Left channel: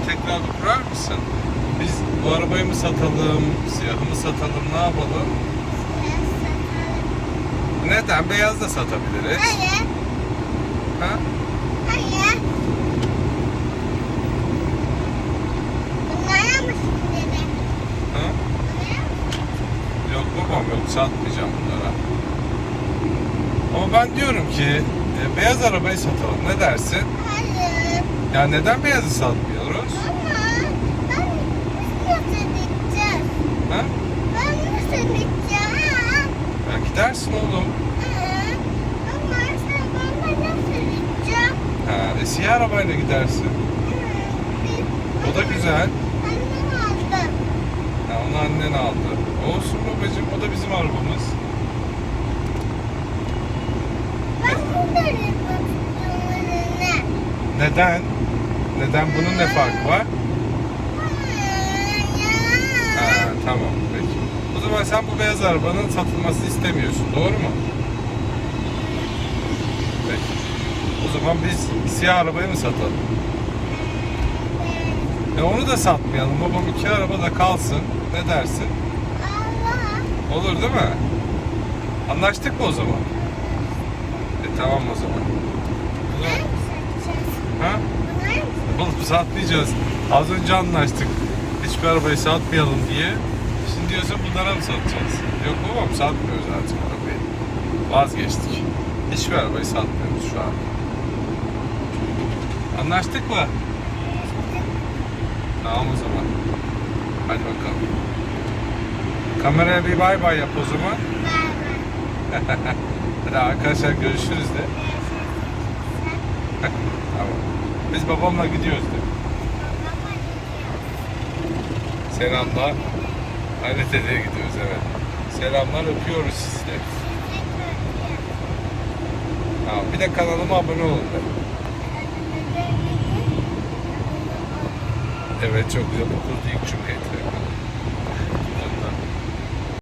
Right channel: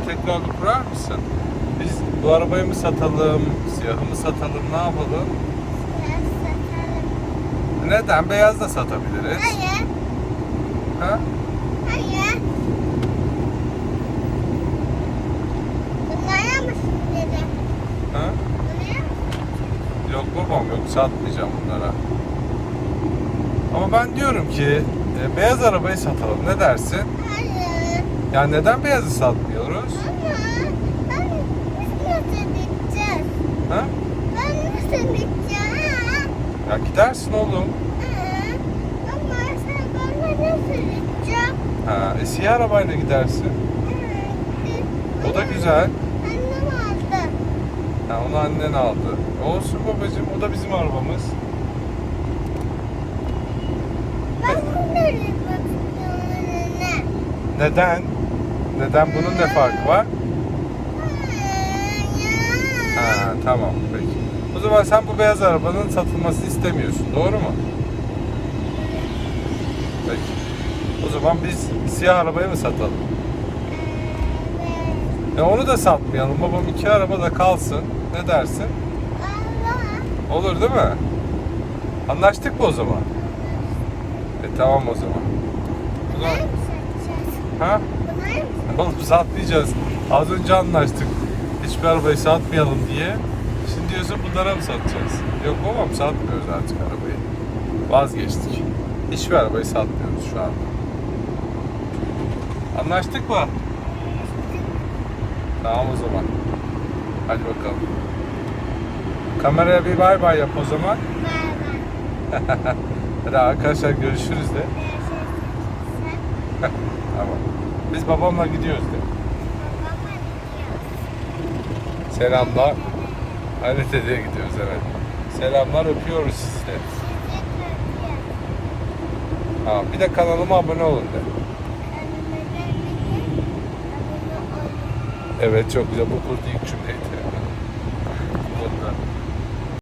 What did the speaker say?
arabayı tekrar kurar mısın? Biz bu arabayı mı satalım, siyahı mı satalım, ne yapalım? Neden? Beyaz da satabiliriz. Hayır. Ha? Hayır. Bunlara mı dedi? Ha? Bunlara mı? Yok babam yok satmayacağım bunlara. Ama ben diyorum ki e, beyaz arabayı satalım. Ne dersin? Hayır. Ya neden beyazı satmıyoruz? Ama ben biz nasıl gideceğiz? Ha? Ben nasıl gideceğim? Ya gidersin oğlum. Ama sen nasıl gideceğim? Ha, e, siyah arabayla gidersin. O da güzel. Annem aldı. Ha, onu annen aldı. Olsun babacığım o da bizim arabamız. Ben bunları bakıyorum önüne. Neden? Neden bunun ne farkı var? Ha, tamam zaman sen bu beyaz arabanın satılmasını istemiyorsun. Doğru mu? Peki. O zaman biz siyah arabayı mı satalım? E onu da satmayalım. Babam iki araba da kalsın. Ne dersin? Olur değil mi? Anlaştık mı o zaman? E tamam o zaman. Mı satacağız? Ha? Bunları mı satmayacağız. Az önce anlaştık. Hiçbir arabayı satmayalım diye. Diyorsun bunlara mı satacağız? Yok babam satmıyoruz artık arabayı. Vazgeçtik. Hiçbir arabayı satmıyoruz şu an. Anlaştık mı? Tamam o zaman. Hadi bakalım. Kameraya bir bay bay yap o zaman. Ver ver. Hadi arkadaşlar görüşürüz de. tamam. Biz babamla gidiyoruz de. Babama Aynı dedeye gidiyoruz evet. Selamlar öpüyoruz sizi. Tamam. Bir de kanalıma abone olun de. Evet çok güzel. Bu kurdu ilk cümleydi. Ondan.